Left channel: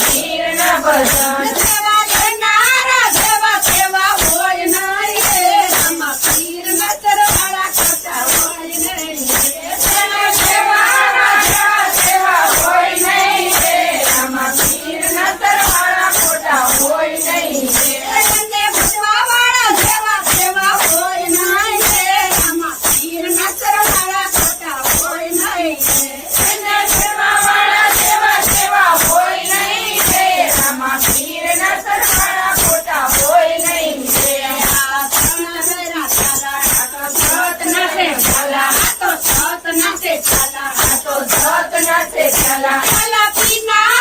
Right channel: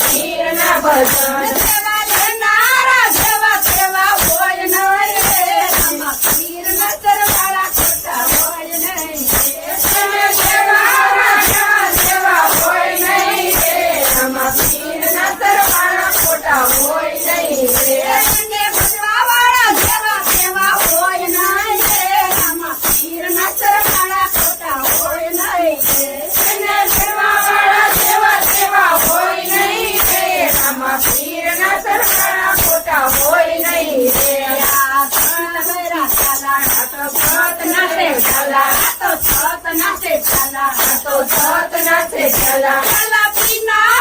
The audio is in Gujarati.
પીર ના ભજન સેવા કરનારા જેવા કેવા હોય નહીં રે રામા પીર ના સરવાળા ખોટા હોય નહીં સેવાના જેવા કેવા હોય નહીં રે રામા પીર ના સરવાળા ખોટા હોય નહીં રે ભજવાવાળા જેવા કેવા હોય નહીં રે રામા પીર ના સરવાળા ખોટા હોય નહીં રે ભજવાવાળા જેવા કેવા હોય નહીં રે રામા પીર ના સરવાળા ખોટા હોય નહીં રે આ તો જોત નાસે ચાલા આ તો જોત નાસે ચાલા આ તો જોત નાસે ચાલા પીના